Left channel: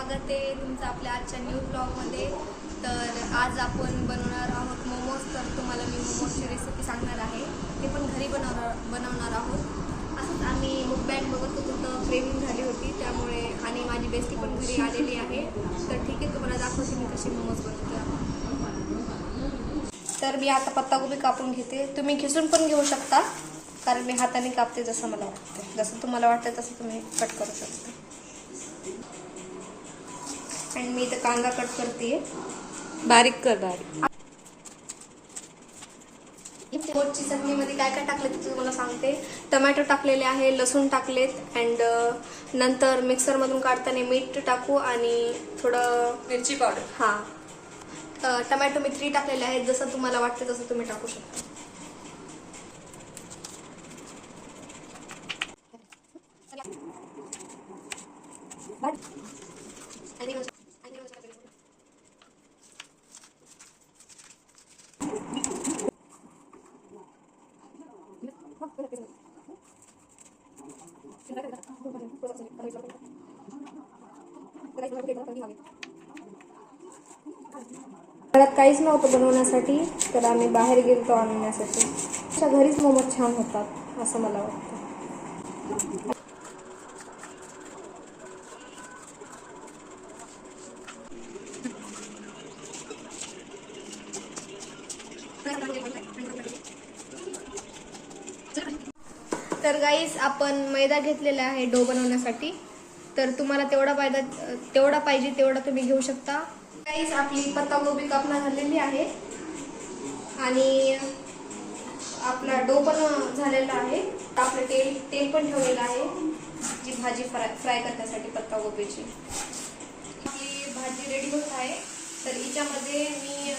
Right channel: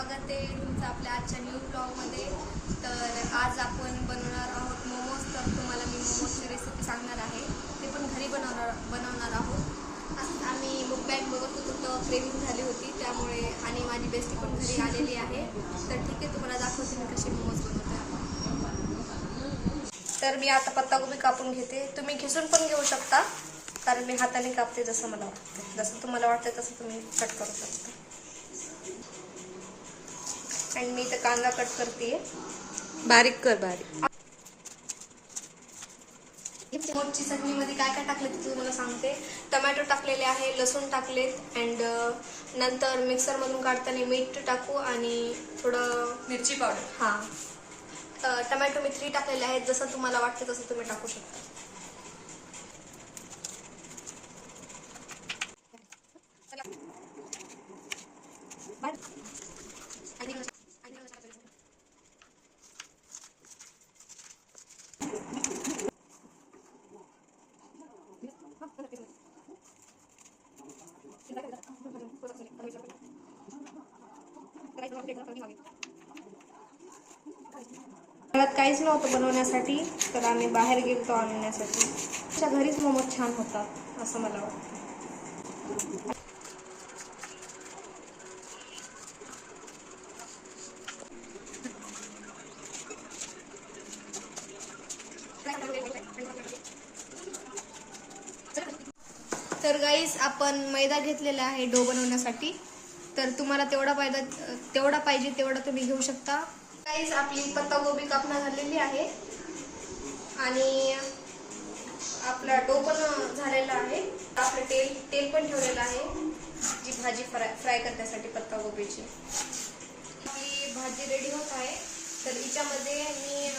स्वागत आहे तुमचं आपल्या आजच्या न्यू ब्लॉगमध्ये. तर आज आपण बनवणार आहोत मोमोज. तर तुम्हाला मी मोमोजची रेसिपी सांगणार आहे, ते पण घरी बनवणार आहोत. असंच आम्ही मुकबॅग बघत होतो तर क्रेविंग झाली होती त्यामुळे, आणि माझी बेस्टी पण घरी आलेली आहे. तर ठीक आहे, तुम्हाला दाखवते मी कशी मोमोज बनवते. तर मी आता पत्तागोबी कापून घेते. तुम्ही खिसून पण घेऊ शकता, कारण मी हाताने कापते जसं मला वाटतं. जसं तुम्हाला वाटतं तसं तुम्ही कट करू शकता. आणि मी इथं कांदा कट करते, बारीक कर बारीक. मोमोजची चटणीमध्ये काय काय टाकले ते तुम्हाला सांगते. टमॅटो टाकलेले आहे, लसूण टाकलेत, अँड नंतर मिक्सरमधून काढताना मीठ टाकू आणि थोडं मिरची पावडर. हां, टमॅटो मी 3 टाकलेले आहेत. जसं तुम्हाला वाटतं तसं तुम्ही टाकू शकता. घरात काहीच नव्हतं बनवण्यासाठी, तर आम्ही बाहेर गेलो आणण्यासाठी. अशा घरीच मोमोज छान होतात असं मला वाटतं. तर गाईस, आपण मैदा घेतलेला आहे डो बनवण्यासाठी. तर तुम्हाला तेवढा पाहिजे तेवढा तुम्ही घेऊ शकता. गाईस, आपली पत्तागोबी कापणं झालेली आहे आणि आपला डो पण झालेला आहे. आपलं तेल पण ठेवलेलं आहे, जी भाजी फ्राय करण्यासाठी पत्तागोबीची. आपली भाजी रेडी होत आहे. तर हिच्यामध्ये मी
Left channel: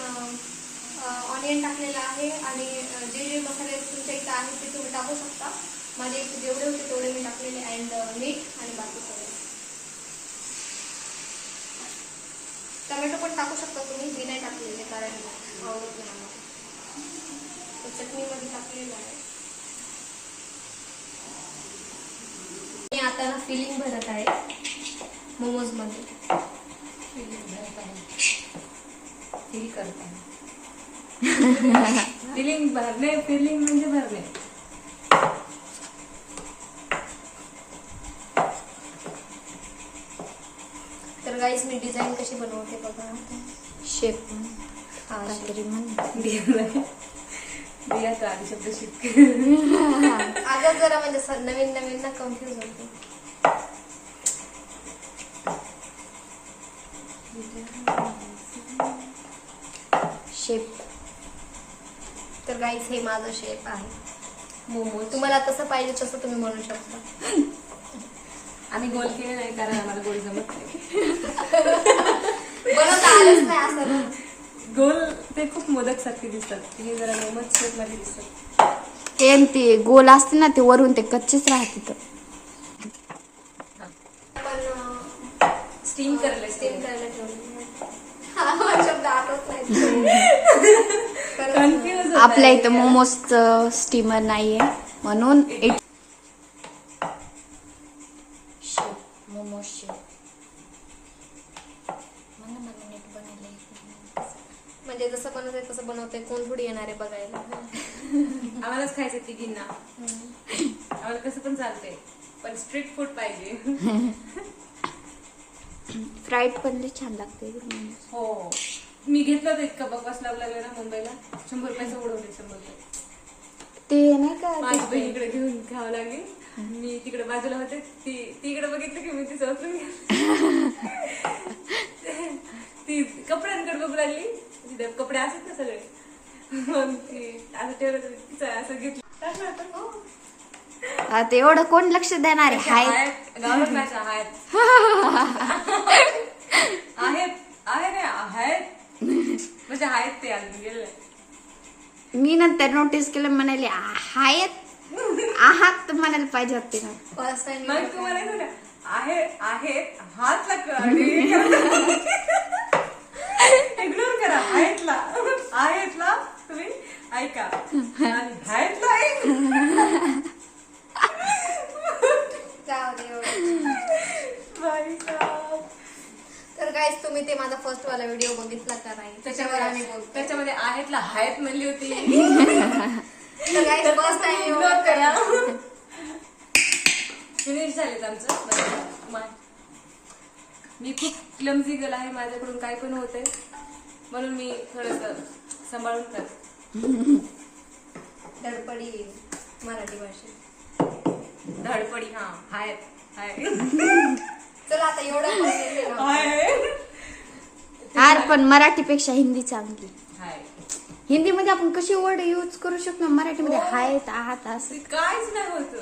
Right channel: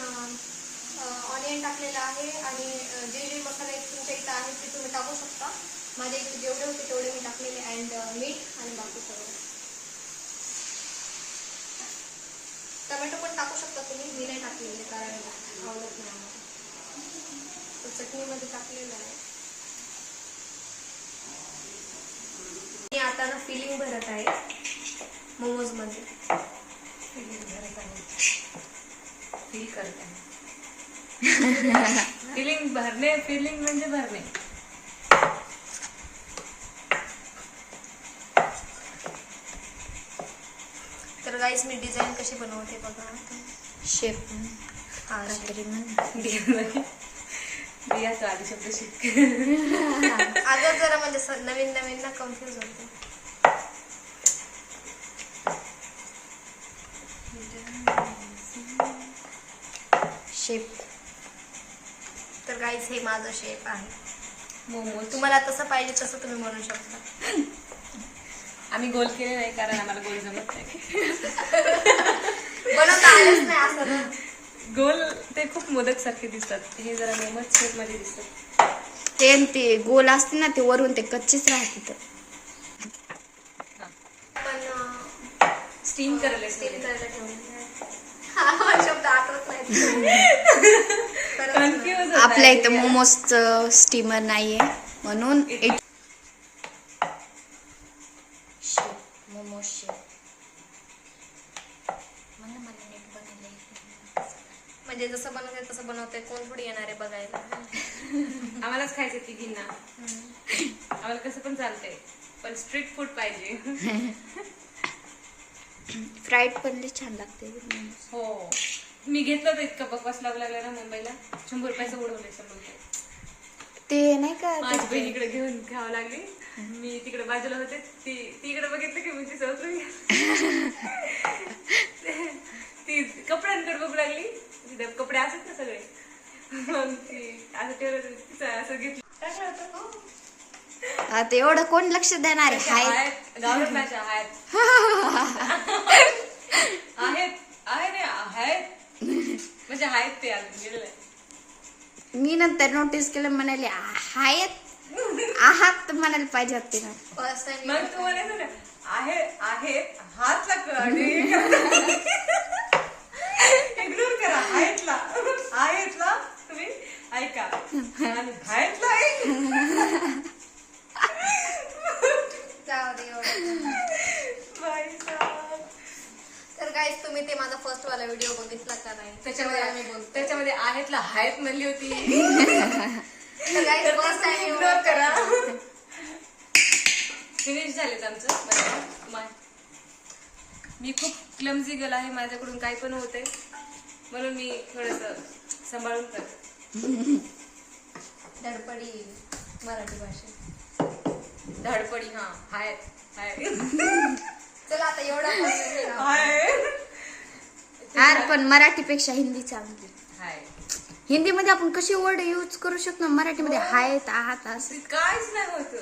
ऑनियन टाकलेला आहे, आणि जे जे मसाले तुमच्या इथं आहेत ते तुम्ही टाकू शकता. माझ्या इथे जेवढे होते तेवढे मी टाकलेले, अँड मीठ आणि बाकी सगळं. टमॅटो पण टाकू शकता तुम्ही, मी नाही टाकलेले कारण आवडत नाही आम्हाला. चटणीमध्ये टाकलेलं आहे. मी आता ना फिलिंग भरत आहे मोमोज मध्ये. फिलिंग भरणे, फिलिंग म्हणजे भरणे. तर गाईस, मी डिझाईन कशी बनवते बघा. शेप हा, काहीतरी म्हण. अगं जरा म्हणजे नवीन ना कन्फ्युज होते. शेप. तर गाईस, हे माझं शेप आहे मोमोज. तुम्हाला तसं पाहिजे तसं तुम्ही बनवू शकता. आम्ही गोल केले नाही कारण आम्हाला गोल जमत नाही. बनवता आलंच नाही असं ना. गोल ते खूप मोदक सारखे दिसतात, हे जरा मोमोज शेप मध्ये दिसतात. ते गोल असते ना, ते वरून ते कच्चेच राहते. पण स्टीम करायला ठेवलेलं आहे. शब्द आठवत नाही. कन्फ्युज आपल्या इथं मोमोजचं स्टीमर नाहीये म्हणून मोमोज शेप म्हणजे जसं बनवते तसं बनवते, कोण थोडी येणार आहे बघायला. आम्हालाच खायचं तिघींना. आम्हाला कसं पण चालतंय, पण स्ट्रीट फूड पाहिजे. फ्राईड पण लई छान लागते. हो, मी घेतलं होतं इतकं बकवास लागला ना मुंबईला. 100 रुपयाचं उडवले. 100 रुपये ते नाही का, माझी बहिणीकडे घेऊन खावं लागली. मी तिकडे बाजूला होते, ती इकडे बघितलं की मी ती समजून ती कपड्यांकडे बघू लागली. तिथे कपडे असत ना सगळे, मग ती असं ठेवलं, असं घेतलं, टाकलं आपण. आता एवढं कोण लक्ष देणार आहे? गावात आहेत म्हणजे आहेत ते अजून गेलेले. मी नंतर नोटीस केलं, म्हणाले आहात म्हणायला पाहिजे होते ना. फर्स्ट टाइम मग तुम्हाला आहेत हात इग्नोर करा. आहेतला तुम्ही ऐका, आणि बाहेरला जाऊ दे. बाई साहेब. तुम्ही ते माझा फर्स्ट वाला व्हिडिओ बघितला का नाही त्याच्यावर आम्ही बोलतो. त्याच्यामध्ये आहेतला हायत म्हणली होती. तर guys, तर first ते time ignore करा. फिनिश झालेत आमचं. मी खूप क्लमझी गर्ल आहे, माझ्याकडून काय पण होतंय म्हणून मी थोडस सांभाळून करते. धडपडी मराठी भाषेत. धडपडी. हा हाय चला आता एवढा content आहे ना. यार पण मराठीपेक्षा हिंदी चांगली. हाय हिंदीमध्ये आपण कशी वर्ड यूज करू शकतो, मराठीमध्ये आहेत आहात असं. काहीच नाही होत.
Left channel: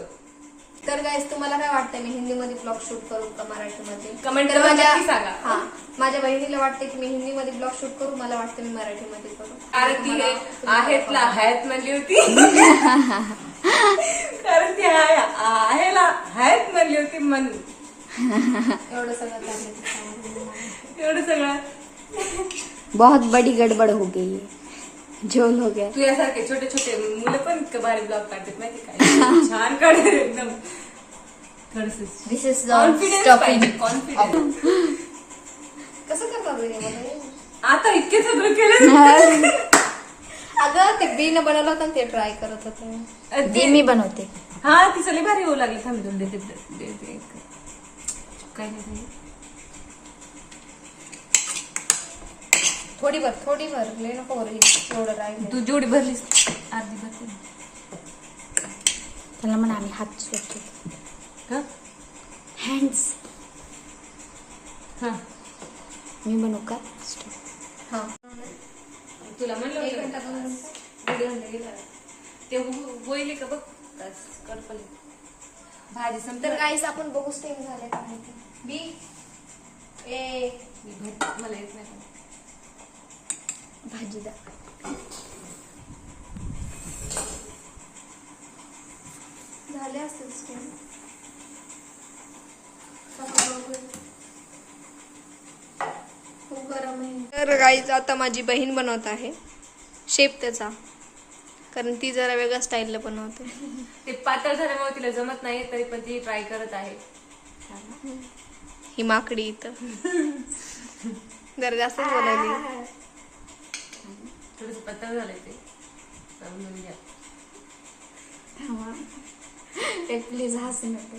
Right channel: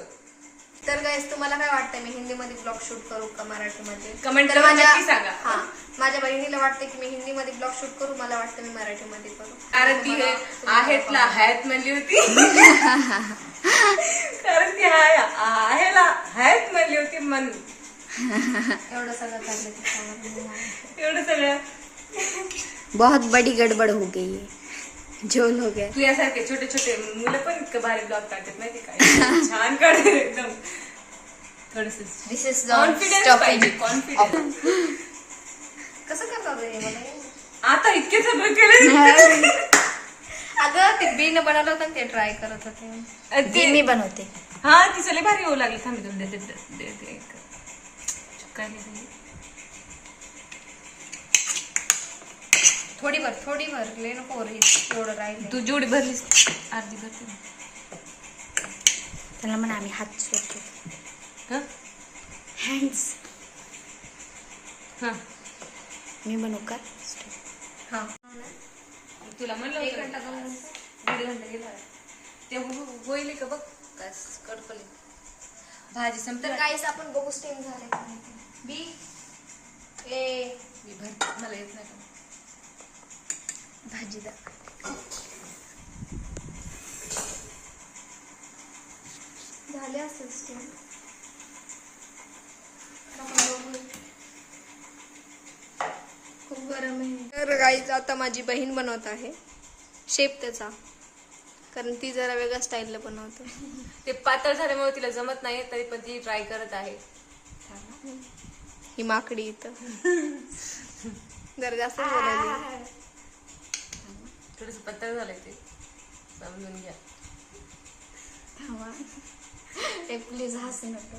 तर गाईस तुम्हाला काय वाटतंय मी हिंदीमध्ये ब्लॉग शूट करू का मराठीमध्ये? Comment तर मध्ये नक्की सांगा. माझ्या बहिणीला वाटतं की मी हिंदीमध्ये ब्लॉग शूट करू, मला वाटतं मी मराठीमध्ये करू. कारण ती तुम्हाला आहेतला हायत म्हणली होती. कारण ती आहेला हायत म्हणली होती म्हणून एवढं सगळं चाललं त्याच्यामध्ये. एवढं सगळं. बहुत बड़ी गडबड हो गई है. जो लोग है तुझ्यासारखे छोटे छोटे मुलं पण इतकं भारी ब्लॉग काढतात माहिती काय. छान काढतात एकदम. थोडस दिस इज कॉन्फिडन्स स्टॉपिंग. पाहिजे. कॉन्फिडन्स. कसं करतात रे मला? आता इतके सगळं केलं. अगं ते बीन बनवलं होतं ना, ते ट्राय करत होते. ती मी बनवते. हा ती चली भारी होऊ लागली. थांबी दोन देते काय नाही. थोडी भर लय नको भर, एवढं राहील. तू जेवढी भरलीस अर्धी भरते. त्याला म्हणा आम्ही हात स्वच्छ हँड्स. हा मी बनवू का? हा तुला म्हणलं 1 घंटा 2 घंटा 1.5 घंटा गेला. ते होईल का बघ. कस कडपली भाजी तर संपते. गाईस आपण बघू स्टेम झाले का नाही. बी ए मला येत नाही. भाजी दा. झाले असेल स्टेम. खूप गरम आहे. तर गाईज आता माझी बहीण बनवत आहे शेप त्याचा, कारण ती जरा वेगळ्या स्टाईलला बनवते. ते पातळ झाल्यामुळे तिला जमत नाही, तरी पण ती ट्राय करत आहे. ही माकडी इथं जरा जास्तच बनवली. थोडस पातळ झालंय ते, समजून घ्या. प्लीज हसू नका.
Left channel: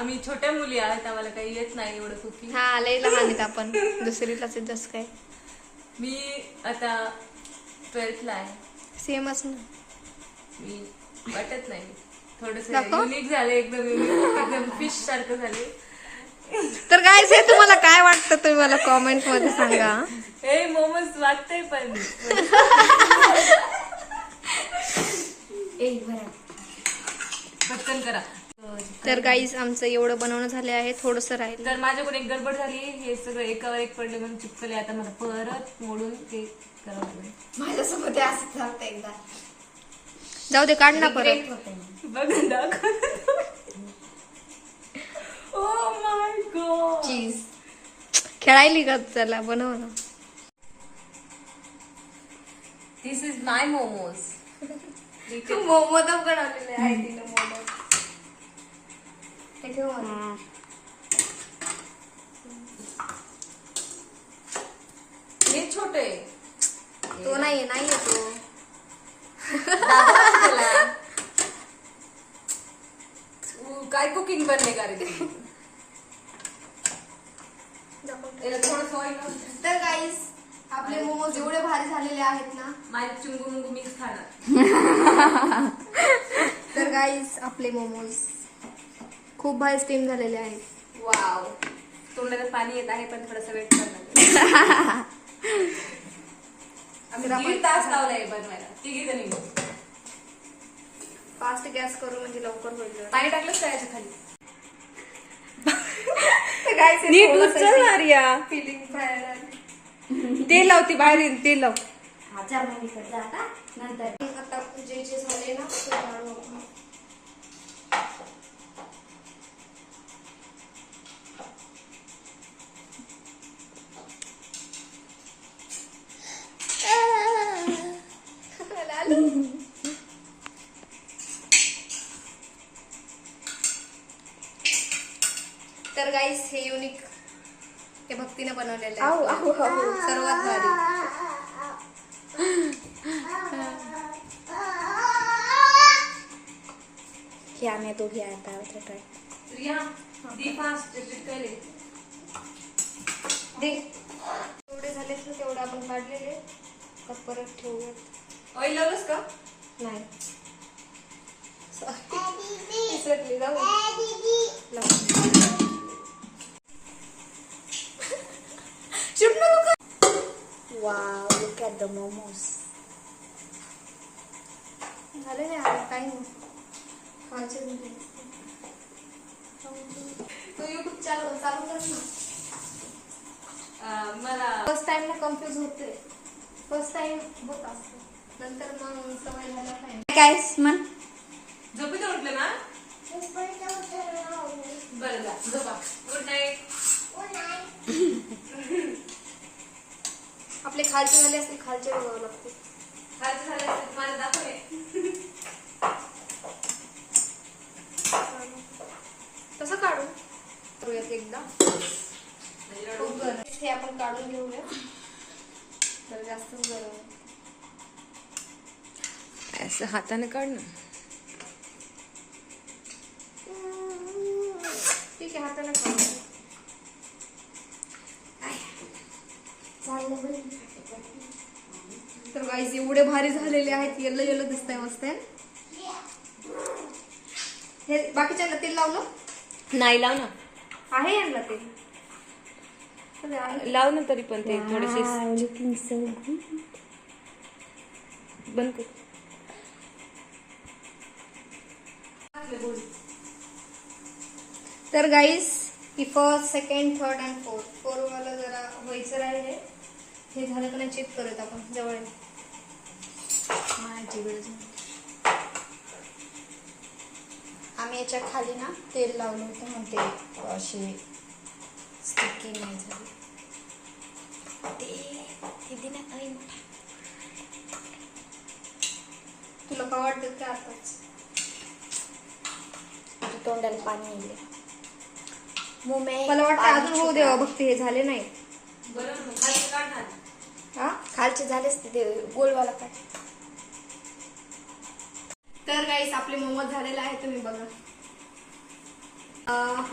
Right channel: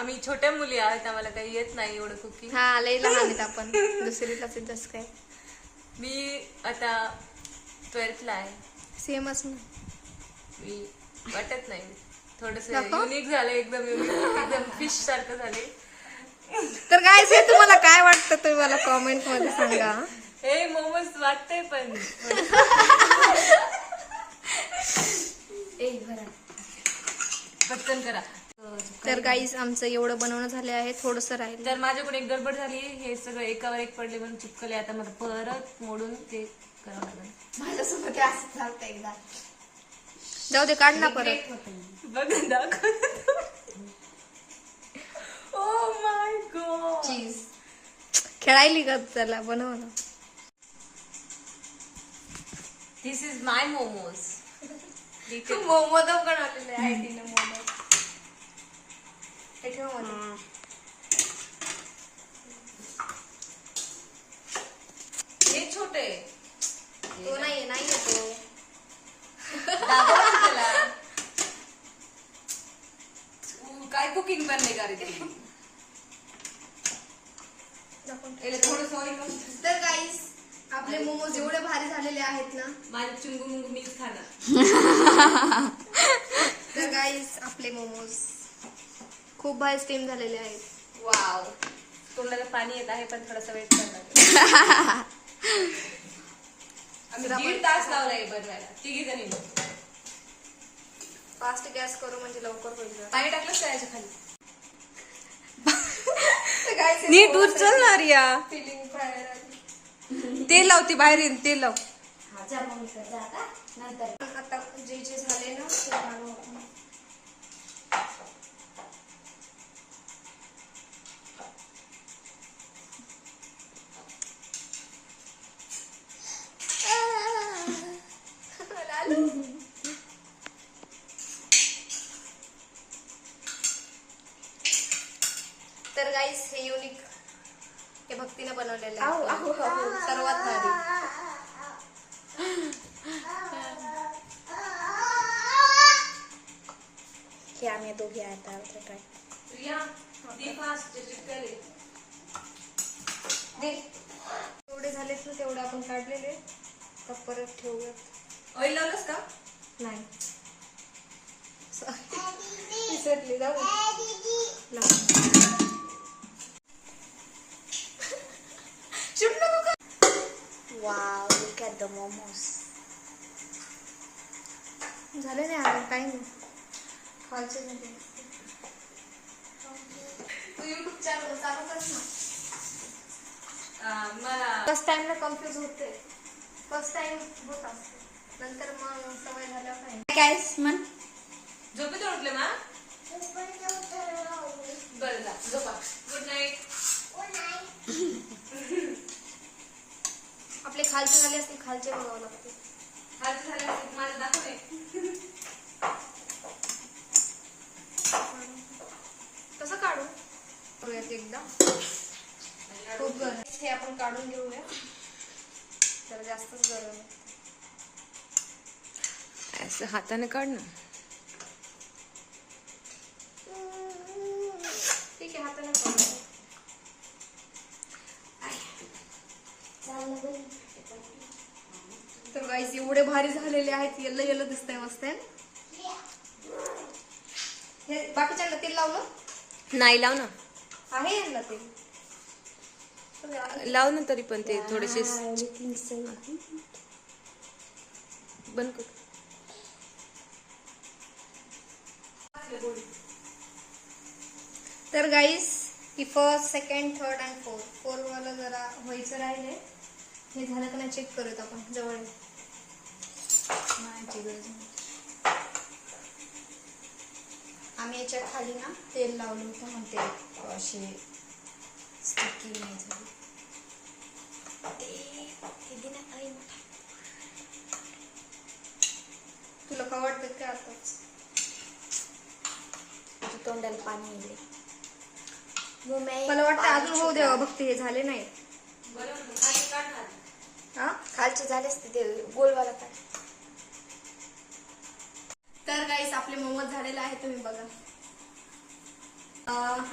आम्ही छोट्या मुली आहेत, आम्हाला काही येत नाही एवढं कुकिंग. हा लई लहान आहेत आपण, दुसरीलाच जस काय. मी आता 12th ला आहे. सेमच ना. मी वाटत नाही. थोडस दाखव. युनिक झालं, एकदम युनिक, एकदम फिश सारखं झाले. तर गाईज हे तुम्हाला काय वाटतं तुम्ही मला कॉमेंट मध्ये सांगा. हे मोमोज वाटतंय पण पटकन करा. तर गाईज आमचं एवढं बनवणं झाले आहे, थोडस राहील. तर माझ्याकडून एक गडबड झाली. हे सगळं एकावर एक पडले म्हणून चिपकले. आता मला परत मोडून ते करावं लागेल. माझ्यासोबत असं झालं एकदा. जाऊ दे, काढ ना परत. बघ दाखव. Oh my God. चीज खेळायली का? चला बनव ना. दिस इज माय मोमोज. मोदक बनवलेले आहे तिने. मोदक हे ठेव मध्ये. हे छोटे तो नाहीये तो. काय कुकिंग बनणे का रे ते? थोडं सॉरी. तर गाईज आपले मोमोज एवढे भारी झालेले आहेत ना. माझे चुंगू मुंगू मीच खाणार. तर गाईज आपले मोमोज खूप भारी स्टीम झालेले आहेत. वाव. तोंडाला पाणी येत आहे, पण थोडासा वेट करणार. आम्ही 1.5 तास लावलाय बनवायला, 3 जणी. फास्ट गॅस करू म्हणजे लवकर होईल. पाणी टाकलंच त्याच्या खाली. नीट उचलणार या. फिलिंग बाहेर आली. तेल लावती बाहेर, तेल लाव. आता जे झाले ना ते काढू आपण. तर गाईस हे युनिक हे भक्तीने बनवलेलं आऊ, आहे आऊ, आऊ. सर्वात भारी. हे आम्ही दोघी आता काय रिया दी फास्ट चिटकले. दे तेवढे झाले तर तेवढे आपण काढलेले तर परत ठेवूयात. ऑइल लावलंस का? नाही विसरली जाऊ wow look at the momos. झाले नाही आता काही नाही खायचे झाले. तू युट्यूब चॅनल चालू कर ना. मला फर्स्ट टाइम ना कन्फ्युज होते. फर्स्ट टाइम होत असते नंतर मग सवय झाला नाही. काय म्हण झोपेतून उठले ना? बरं जा झोपा. Good night. आपले खालचे झाले असतील खालचे बघावं लागते. खायचं झालं असेल तुम्हाला दाखवे. कसं काढू करूयात एकदा. खूप गरम आहे. हे आपण काढून घेऊया. तर जास्तच गरम आहे. असं हाताने काढ ना. ठीक आहे हाताने काढूया. तर गाईज एवढे भारी झालेले आहेत. येल्लो येल्लो दिसतंय मस्त. हे बाकीच्या तेल लावलं नाही लाव ना. आहे यांना तेल. लाव ना तरी पण ते थोडेसे बंद कर. तर guys he first second third and four वाला जरा व्हायचं राहिले. हे झालं का नाही चेक करत आपण जवळ ये. आम्ही याच्या खाली ना तेल लावलं होतं मग ते अशी स्टिकी नाही झाली. तुला का वाटतं का आताच तोंडाला पाणी येईल. मला वाटतं अजून होऊ देवा भक्ती. हे झाले नाही. बरोबर खाली काढणार. हा खालचे झालेच ते गोलवाला का. तर गाईस आपले मोमोज झालेले आहे. तुम्ही बघा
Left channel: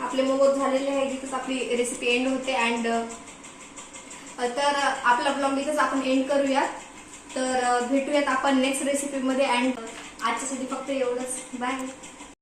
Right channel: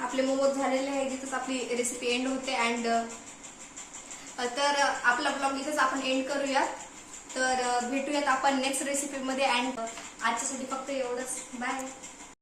आपले मोमोज झालेले आहे. जिथेच आपली रेसिपी एंड होते. अँड तर आपला ब्लॉग इथेच आपण एंड करूयात. तर भेटूयात आपण नेक्स्ट रेसिपी मध्ये. अँड आजच्यासाठी फक्त एवढंच. बाय.